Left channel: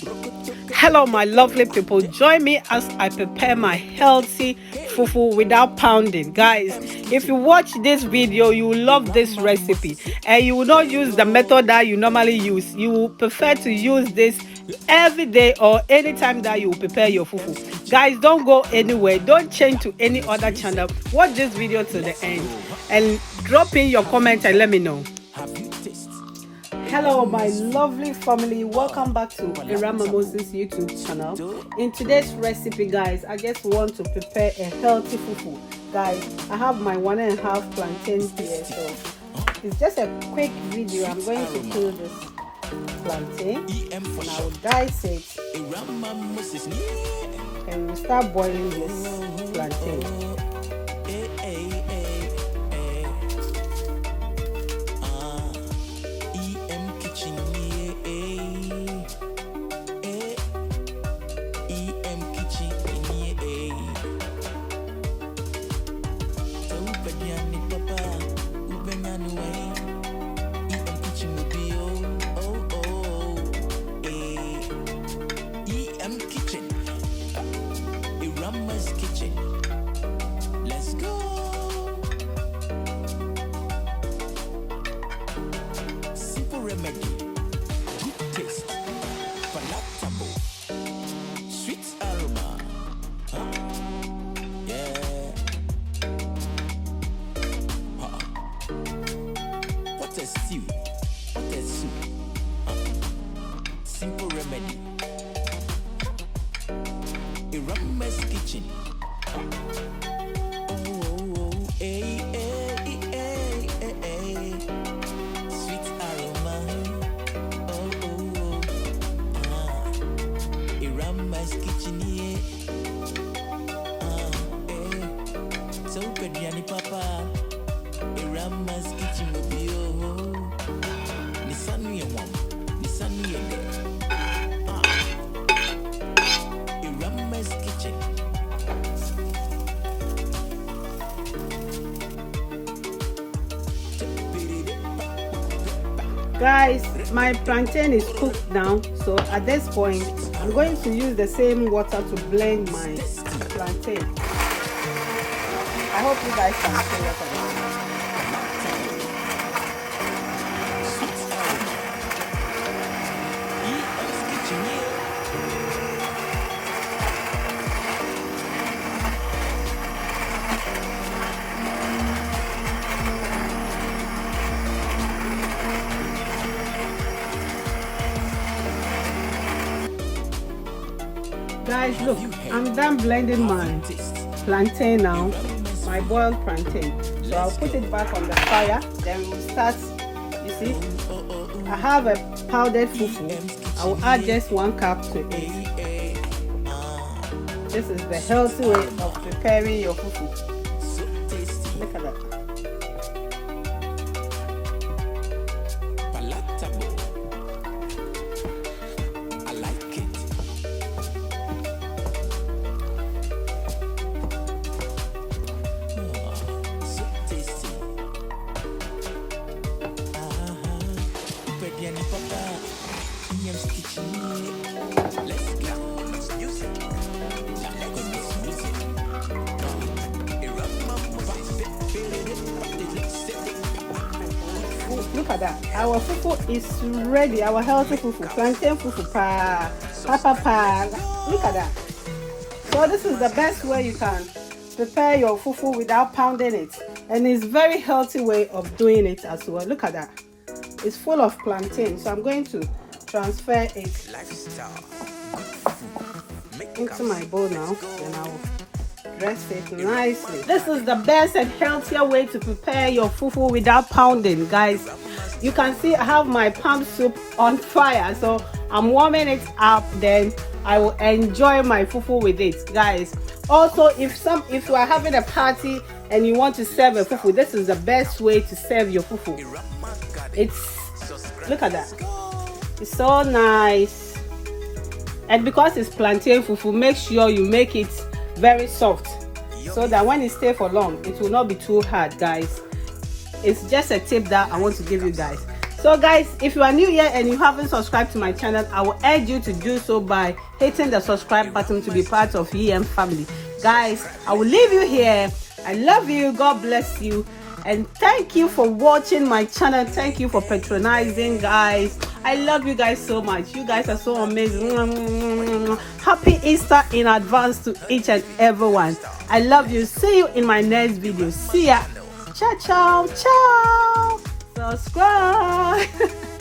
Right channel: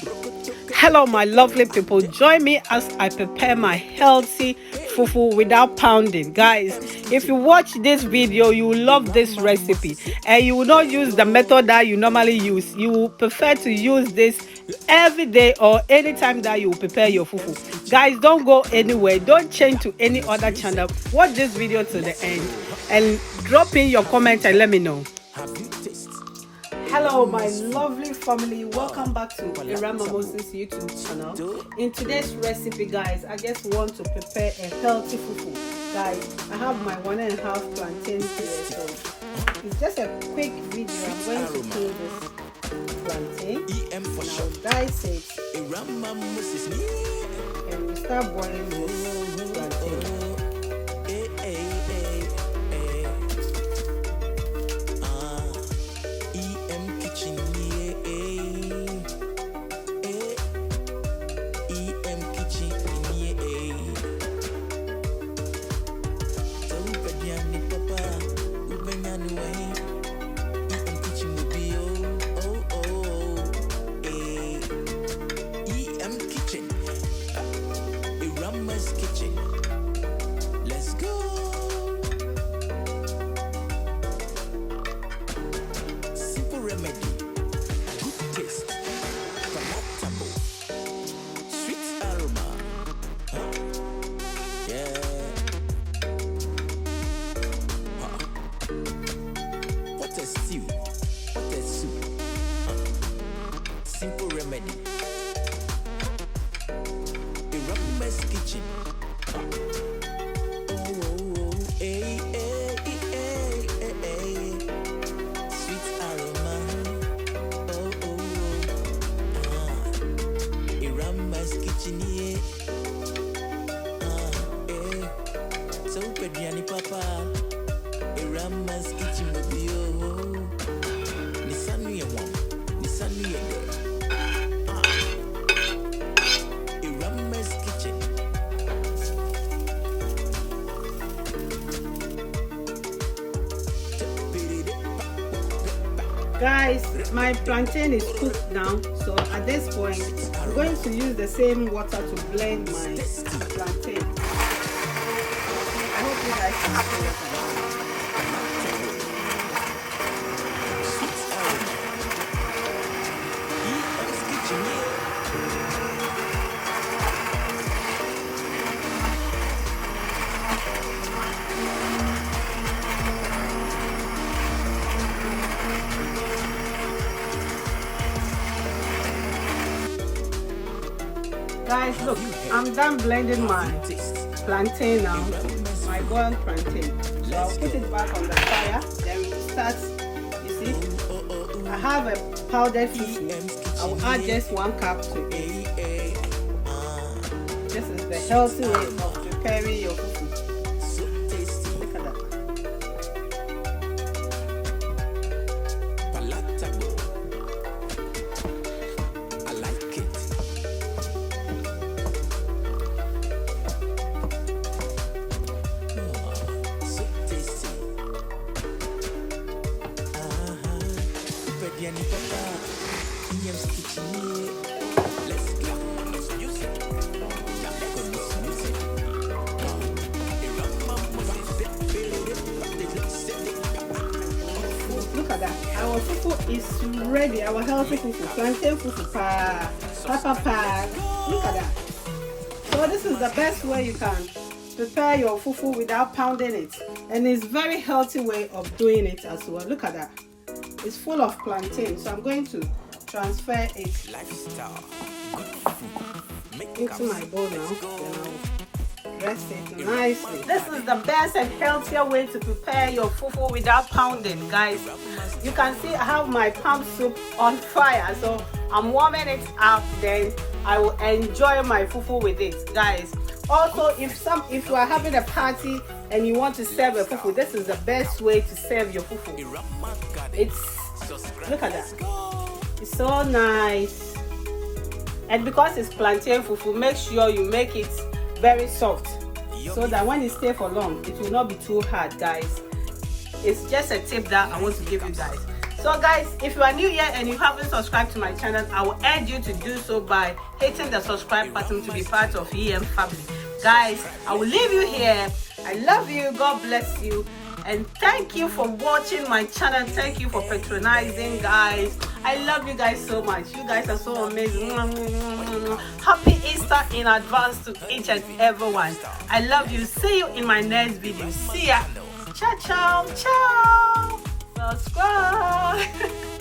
Hello my lovely people, join me as I prepare my healthy fufu without pounding. Guys, if you watch this video, you will love this recipe and you will not use the method that you normally use. You will prefer to use this every day or anytime that you prepare your fufu. Guys, don't go anywhere, don't change to any other channel. Watch this video to the end and drop in your comment and let me know. Hello my lovely family, welcome back to Moses YouTube channel. In today's recipe, guys, I just want to prepare a healthy fufu. Guys, I have my 1.5 plantains here, so it's just a quick video. I'm going to kill this plantain, and I'll dice it, and we'll start boiling this plantain. Kitchen. Let's go. Simple remedy, good taste, palatable, sweet aroma. Huh? Yeah. Huh. What a stew, what a soup. Simple remedy. Irama's kitchen. Sweet aroma. Irama's kitchen, yeah. So Pedriani Papa. Irama's kitchen will be Nisanu Yawam, Nisanu Yede. Irama's kitchen. Guys, my plantain is cooked now, so at this point I'm going to use the same water to blend my plantain. I hope you guys can see what I mean. Guys, look, I'm done blending my plantain now, my boiled plantain. So I'll put it back on the fire, then we'll start. You see, I have a powdered fufu. I'll add just 1 cup to it. This is the healthy way of preparing your fufu. Look at that. Palatable. I like it. So tasty. Pediani Papa, EM's kitchen. Let's go. Music. Music. Look at that. Our fufu is ready. Our healthy fufu. Plantain fufu. Pa. Look at that. So this is the best way you can prepare your fufu without pounding it. And it's very healthy way of doing it as well. Look at that. It's full of plantain. So I'm going to transfer it into my bowl now. Then I'll dress it nicely. This is the best and healthier way to prepare your fufu without pounding, guys. You can see I have my palm soup on fire, so I'm warming it up, then I will enjoy my fufu with it, guys. Also, if you are having a party and you want to serve a fufu, this is the best way to serve your fufu. Look at that. It's so nice. And because it's plantain fufu, make sure you make it very soft so that when it stays for long, it will not be too hard, guys. It's just a tip that I want to give you guys. So guys, if you are new here and you haven't subscribed to my channel, I will urge you to do so by hitting the subscribe button to be part of EM family. Guys, I will leave you here. I love you. God bless you. And thank you for watching my channel. Thank you for patronizing, guys. I love you guys so much. You guys are so amazing. Happy Easter in advance to each and everyone. I love you. See you in my next video. See ya. Ciao, ciao, ciao. Subscribe.